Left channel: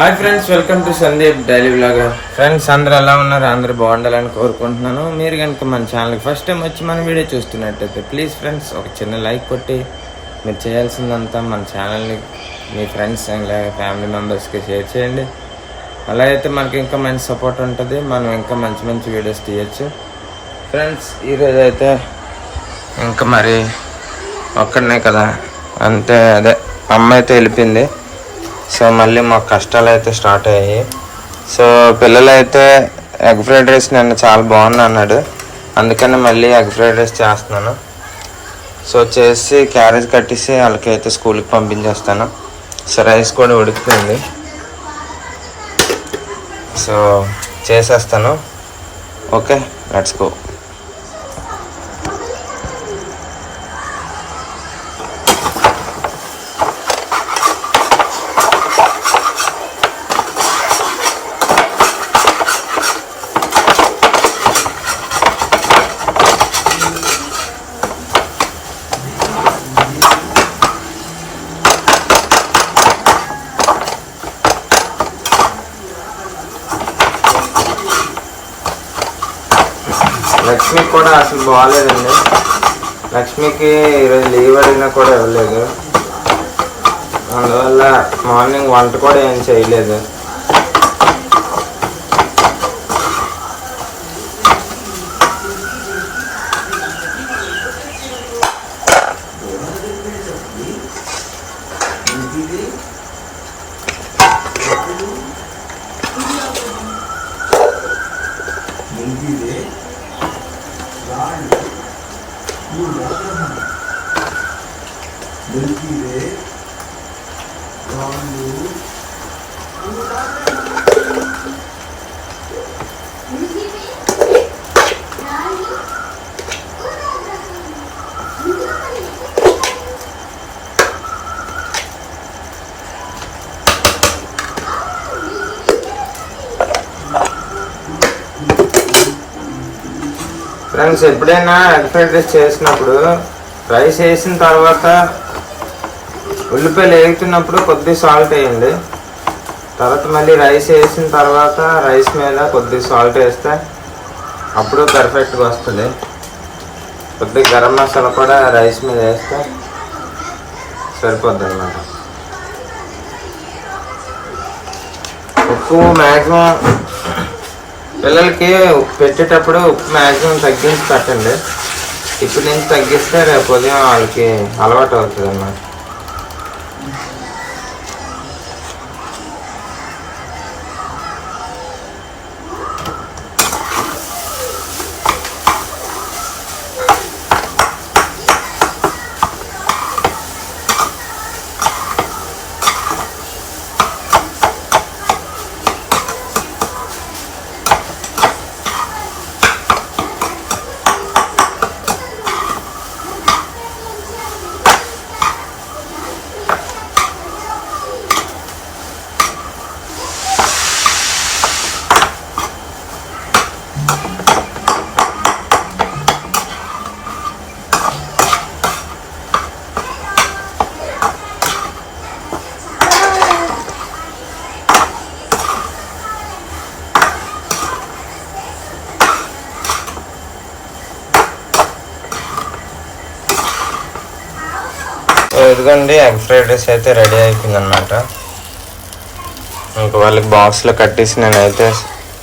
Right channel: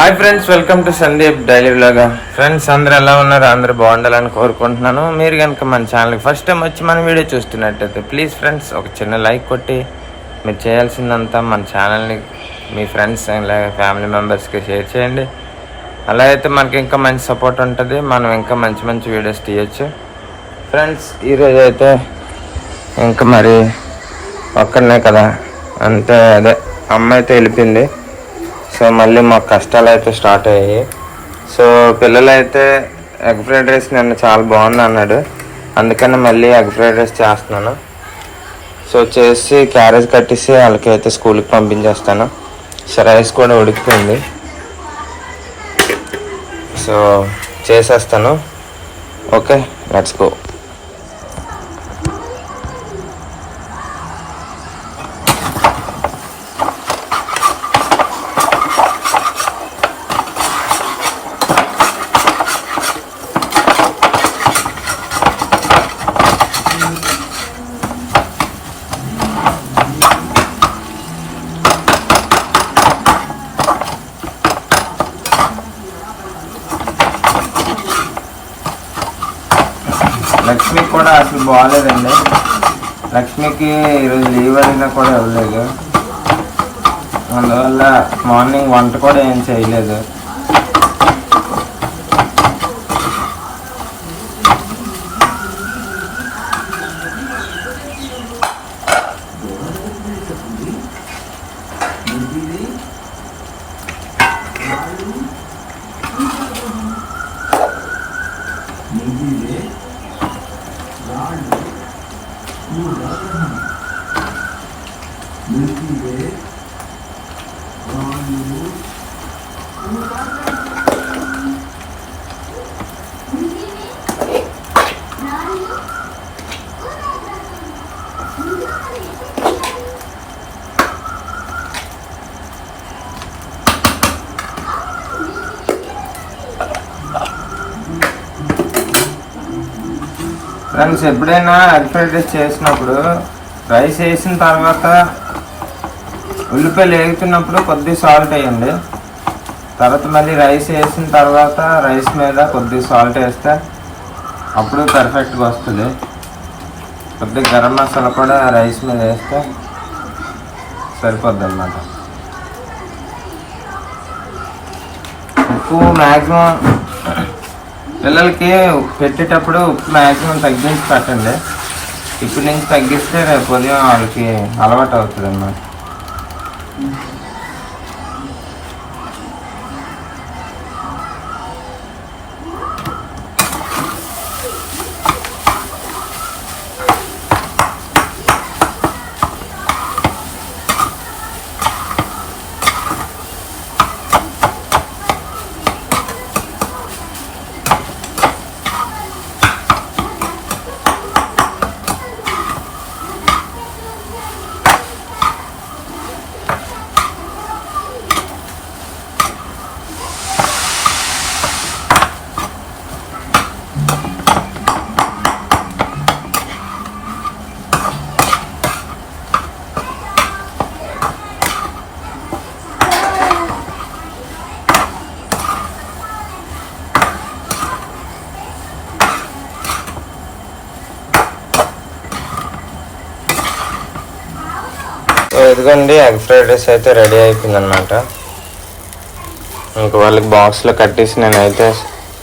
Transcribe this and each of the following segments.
Hi friends welcome to Sandeep daily vlog friends అందరు ఎలా ఉన్నారు? అందరూ బాగుండాలని కోరుకుంటున్నాను. మీరు కనుక మన ఛానల్కి ఫస్ట్ టైం వచ్చి మన వీడియో చూస్తున్నట్టయితే ప్లీజ్ ఫ్రెండ్స్ ఒక చిన్న లైక్ కొట్టి మీరు చేయాల్సిందంతా మన ఛానల్ని మీ ఫ్రెండ్స్ అలాగే ఫ్యామిలీ మెంబర్స్కి షేర్ చేయండి. అలా అయితే మనకి ఇంకా మంచి సపోర్ట్ ఉంటుంది. మనం ఇంకా మంచి మంచి వీడియోస్ తీయచ్చు. ఫ్రెండ్స్ ఈరోజు అయితే ఇంకా మరి ఒక్కడనే కదా. అంటే అదే అమ్మ అయితే వెళ్ళిపోయింది. సో మళ్ళీ మాకు కష్టాలు అయితే స్టార్ట్ అయ్యాయి. సో పిల్లలు అయితే ఎగ్ ఫ్రైడ్ రైస్ నన్ను చాలా బాగుంది అన్నాడు. అందుకని మళ్ళీ ఎగ్ ఫ్రైడ్ రైస్ చేస్తున్నాను. సో చేసి క్యారేజ్ కట్టేసి వాళ్ళకి అయితే స్కూల్కి పంపించేస్తాను. సో రైస్ కూడా ఉడికిపోయింది. సో చేసేస్తాను. Okay let's go. లక్ష్మికి కూడా అసలు బాగాలేదండి. లక్ష్మికి ఈరోజు లీవ్ అడిగినా కూడా ఇవ్వలేదు. అందువల్ల మార్నింగ్ వంట కూడా ఏం చేయలేదు. ఫ్రెండ్స్ ఎప్పుడైనా ఎగ్ ఫ్రైడ్ రైస్ చేసినప్పుడు రైస్ వేసిన తర్వాత ఉల్లిపాయలు వేగుతున్నప్పుడు కొద్ది సాల్ట్ వేయండి. తర్వాత మళ్ళీ రైస్ వేసిన తర్వాత రైస్ మీద కొద్ది సాల్ట్ వేస్తే అప్పుడు పర్ఫెక్ట్గా వస్తుంది. కొద్దిగా గరం మసాలా కూడా రైస్ మీద వేస్తే సరిపోద్ది అనమాట ఉప్పు మ్యాక్సిమం పిల్లలకి పెట్టేటప్పుడు ఉప్పు మ్యాక్సిమం తగ్గించి పెట్టండి. ఇప్పటి నుంచి తగ్గిస్తే రేపు ఉదయం వాళ్ళకి అలవాటు అవుతుంది అన్నమాట. ఇదిగోండి ఎగ్ ఫ్రైడ్ రైస్ అయితే రెడీ అయిపోయింది అనమాట ఇంక వాళ్ళకి బాక్స్లో కట్టేసి నేనైతే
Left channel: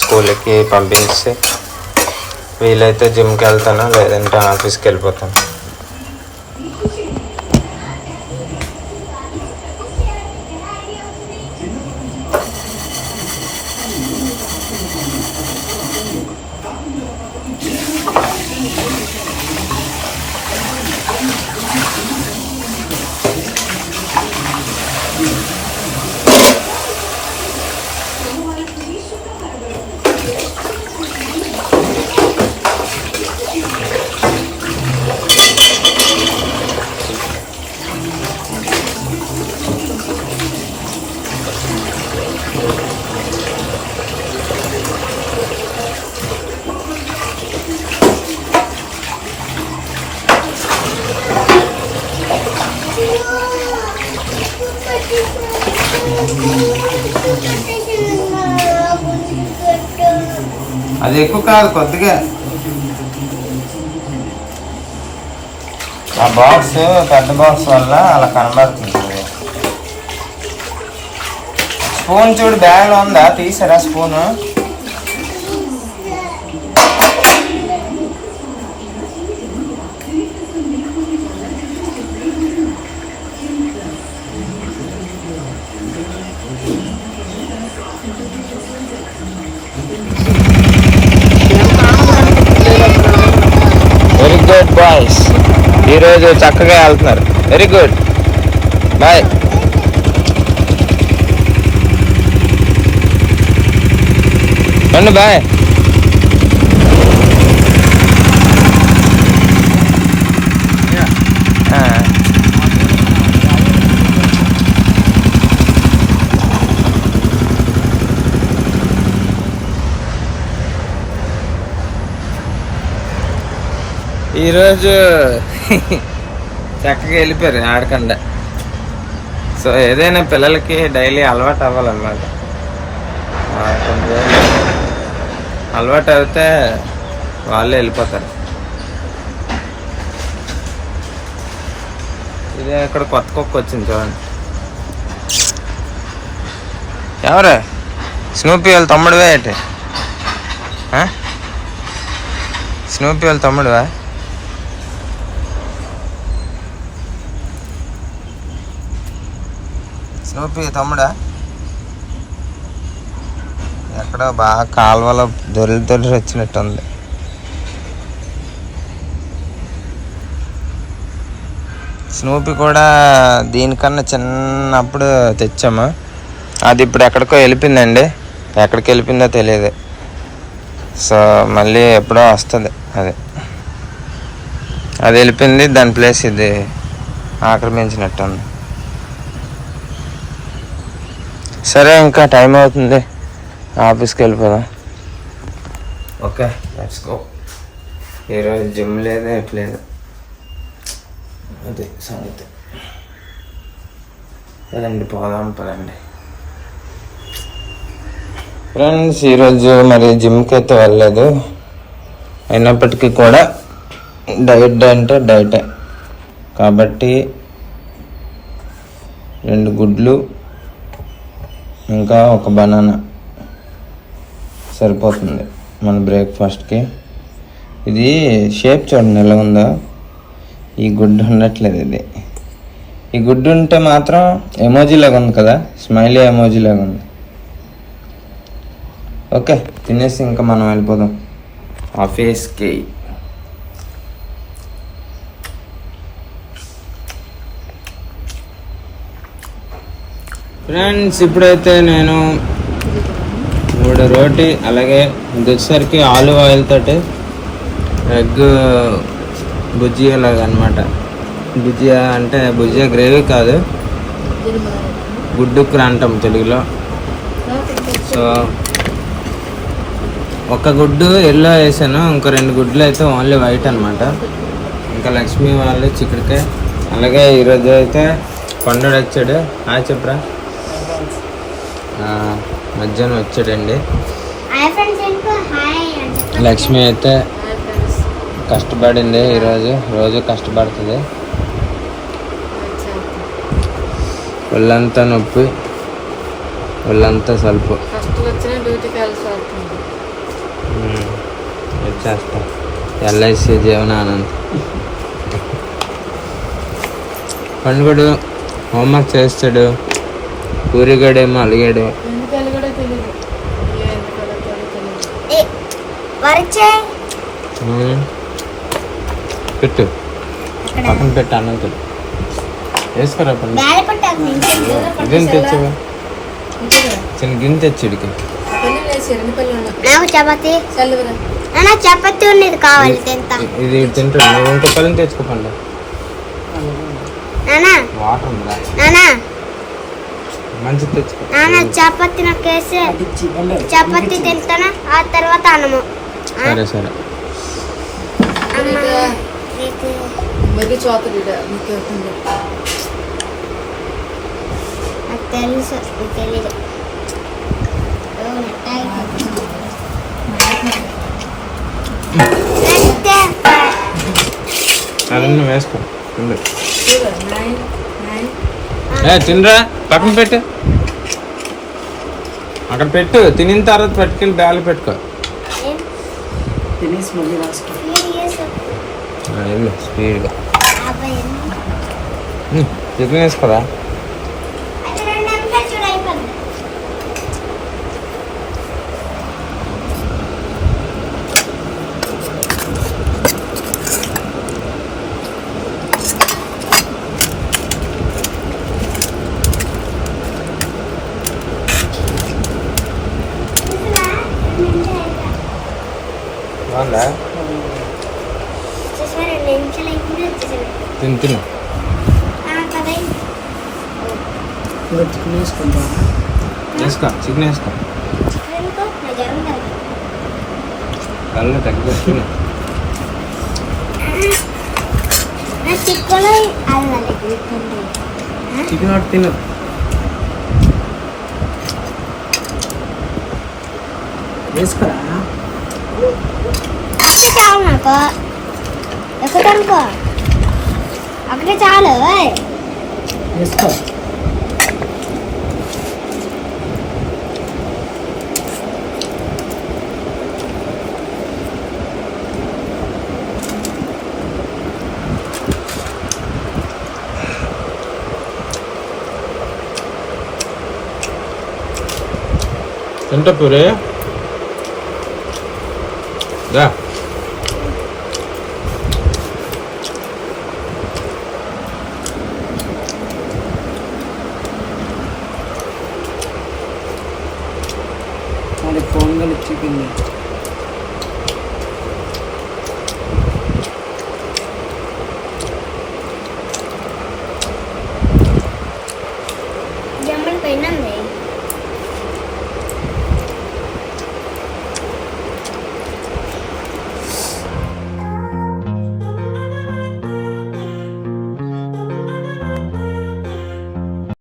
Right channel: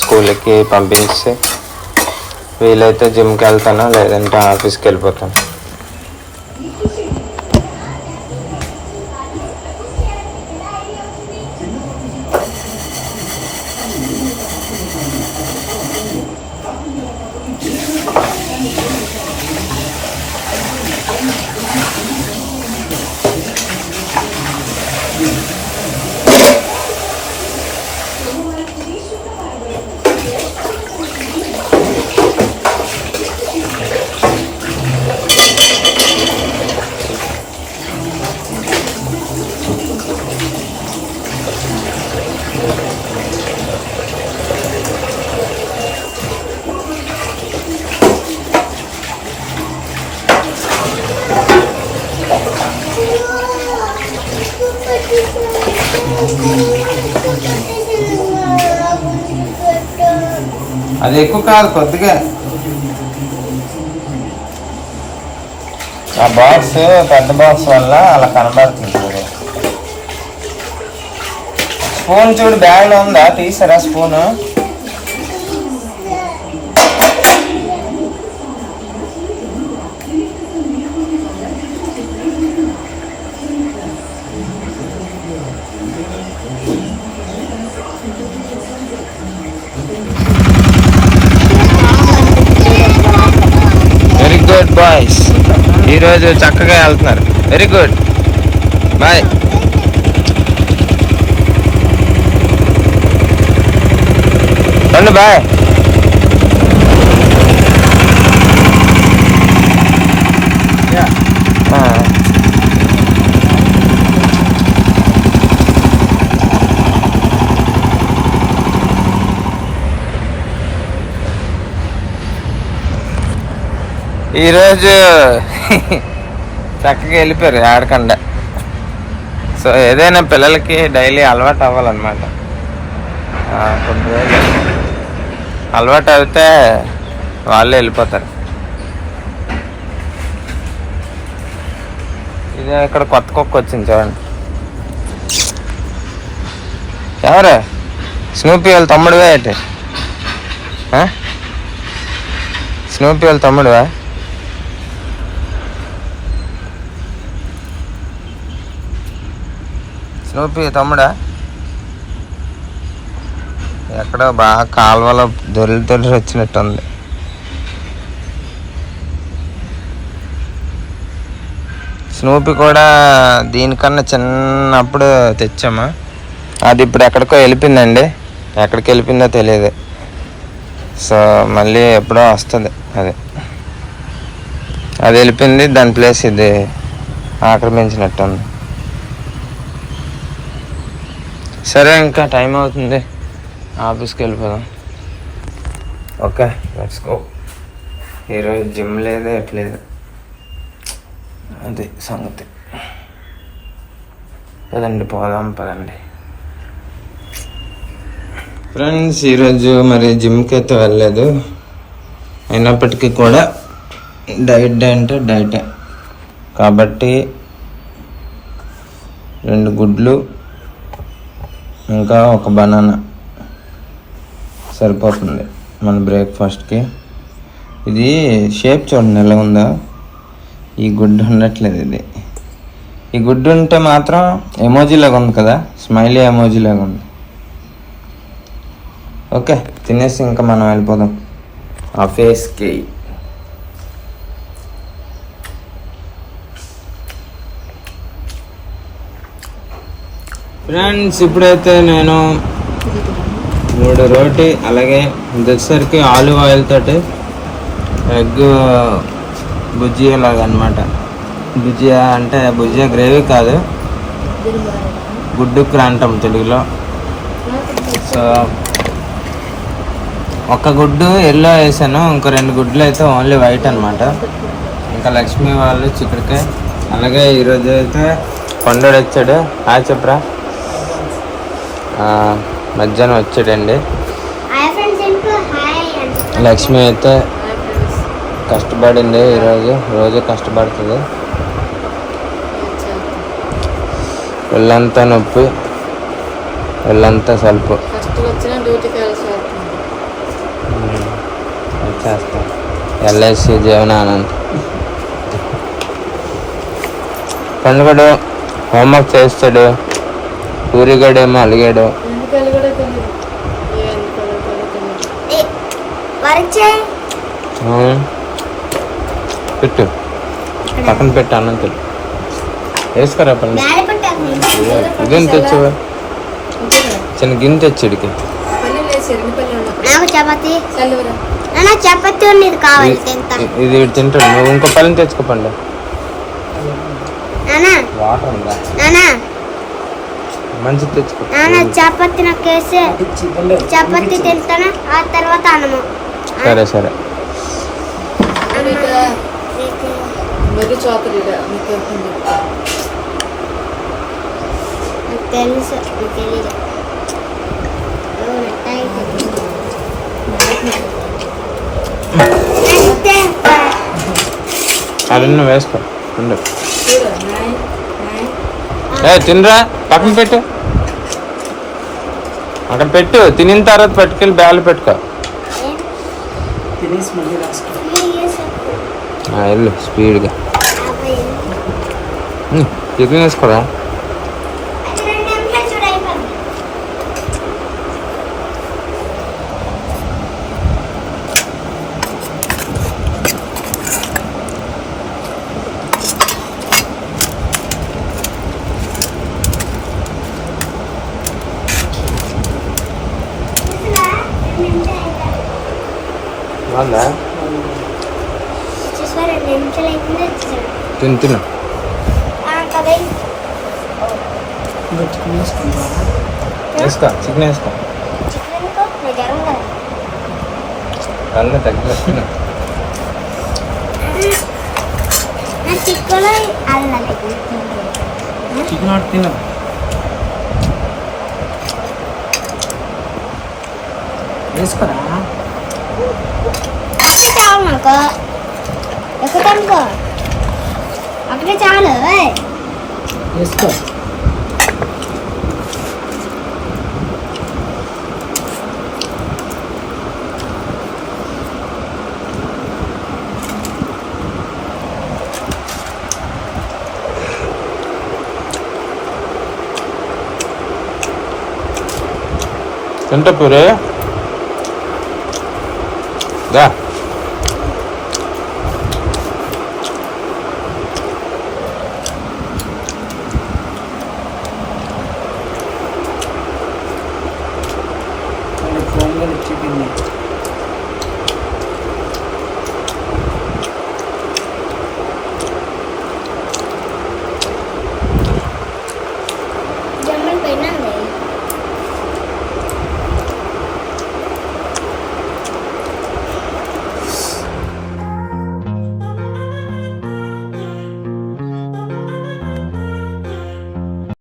స్కూల్కి పంపించి వీలైతే జిమ్కి వెళ్తాను లేదంటే ఆఫీస్కి వెళ్ళిపోతాను. అది ఎక్కువ కాదు కొద్దిగా. ఆ బాక్స్ పెద్ద బాక్స్ వల్ల అలా కనబడుతుంది. స్పూన్ చూడు బ్యాగ్లో ఉందా? తీసారా స్పూను వెరీ గుడ్ బాయ్స్ ఈరోజు చక్కగా వెళ్తున్నారు. వెరీ గుడ్ బాయ్ బాయ్ ఈరోజు చక్కగా వెళ్ళిపోయారు ఆడకుండా. సో ఏదైనా పిల్లలకి డైలీ అలవాటు అవ్వాలన్నమాట. ఆ, కొన్ని రోజులు అలవాటు అవుతే వాళ్ళే వెళ్ళిపోతారు. ఇదే ఇక్కడ కొత్త కుక్క వచ్చింది చూడండి. ఎవరు? స్నూపీ వాళ్ళ తమ్ముడువే అయితే స్నూపీ వాళ్ళ తమ్ముడువా? స్నూపీ తమ్ముడా. ఎక్కడో బాగా కాలువలో దొరికి దొరికి వచ్చినట్టుంది. స్నూపీ కూడా దీనికన్నా చిన్నప్పుడు తెచ్చాము? అది ఇప్పుడు ఎక్కడికో వెళ్ళిపోయిందండి. ఎక్కడికి వెళ్ళిపోయిందో తెలియదు. సో మళ్ళీ ఎప్పుడో వస్తుంది అది. అది వెళ్ళిపోయింది దాని ప్లేస్ ఇది ఆక్రమించినట్టుంది. సరే ఇంకా టైం అవుతుంది. ఆఫీస్కి వెళ్ళిపోదా. ఓకే లెట్స్ గో ఈరోజు జిమ్ లేదు ఎట్లేదు అది సంగతి. పదండి పోదాం పదండి. ఫ్రెండ్స్ ఈరోజు మరి జిమ్కి అయితే వెళ్ళలేదు. అయినప్పటికీ కూడా డైట్ అంటే డైటే. కాబట్టి రెండు గుడ్లు ఇంకా ఒక బనానా సరిపోతుంది మన బ్రేక్ఫాస్ట్కి. ఇది షేప్ చూడండి ఎలా ఉందో. ఈ గుడ్డు ఉండట్లేదు ఇది. ఈ గుడ్డు ఉంటే మాత్రం ఎమోజీ లాగా ఉంది కదా స్మైలీ ఎమోజీ లాగా ఉంది. ఓకే తినేసి ఇంకా మనం వెళ్ళిపోదాం. ఆ ఫేస్కి ఫ్రెండ్స్ ఇప్పుడైతే నేను మూడు రోటి అలాగే ఇంకొకసారికి ఆలివ్ ఆయిల్ తోటి ఎగ్ భుజియా లాగా అనమాట భుజియా అంటే భుజియా గ్రేవీ కాదు. గుడ్డు క్రాంతం తెలుగులో. సో ఒక గుడ్డు ఎల్లో వేసాను ఇంకో రెండు గుడ్లు అయితే ఓన్లీ వైట్ అనమాట. ఇంకా లక్ష్మి వాళ్ళు చిక్కుడుకాయ అలాగే ఈరోజు అయితే కొండడు వచ్చాడు ఆ చెప్పరా. మధ్యాహ్నం వచ్చాడండి. హాయ్ ఫ్రెండ్స్ ఎందుకు హాయ్ అంటే లక్ష్మి అయితే కష్టపడింది ఈరోజు రోజు కష్టపడుతుంది. ఒళ్ళంతా నొప్పి ఒళ్ళంతా సలుపు. వచ్చేస్తా ఎల్ఐసి జీవనానంద్ పండుగడు హోంవర్క్ చేస్తాడు. పూరిగడేమో అలిగాడు. పెట్టు. పక్కన పెట్టు అన్నంతులు వేసుకురా పట్టాకు ఇదేం తెచ్చావా? చిన్న గిన్నె తెచ్చాడికి చపాతి. చపాతి ఉన్నది కావాలి తింటా. ఇది తింటాడు. నువ్వు ఇంకో పళ్ళని తెచ్చుకో పండు. నాన్న వాటర్ ఉందా? తెచ్చుకో. నాన్న చపాతి నాకు వేసి చపాతి తింటానా? ఆ తర్వాత అన్నము. సరే సరే. తెలుసు వేసుకో. ఉండు. చూడు నైన్ నైన్ ఏ తినరా. పక్కన పెట్టు. అక్కడ పెట్టు. తినిన తర్వాత పట్టుకెళ్ళి బ్యాలు పెట్టుకో. తినేసి మళ్ళీ రాసుకో. ఆ, వెళ్ళు స్పీడ్గా. టిఫిన్ వేసుకోరా రెండు నిమిషాలు చూడు అయిపోయింది బాగుందా వచ్చేసా రెండు నిమిషాలు అయిపోయింది వచ్చేసాను తిను తిను. వేసుకో చికెన్ వేసుకో. చికెన్ నిజం కదా. అల్ల తగ్గి తిను. నా చిక్కులో అల్లాలి చికెన్ ఒకటి తిను. వేసుకోరా? అక్కడే చాలు నాకు ఎక్కుతానుకో అక్కడే చాలు ఏయ్. వేసుకో తింటా పూరి దా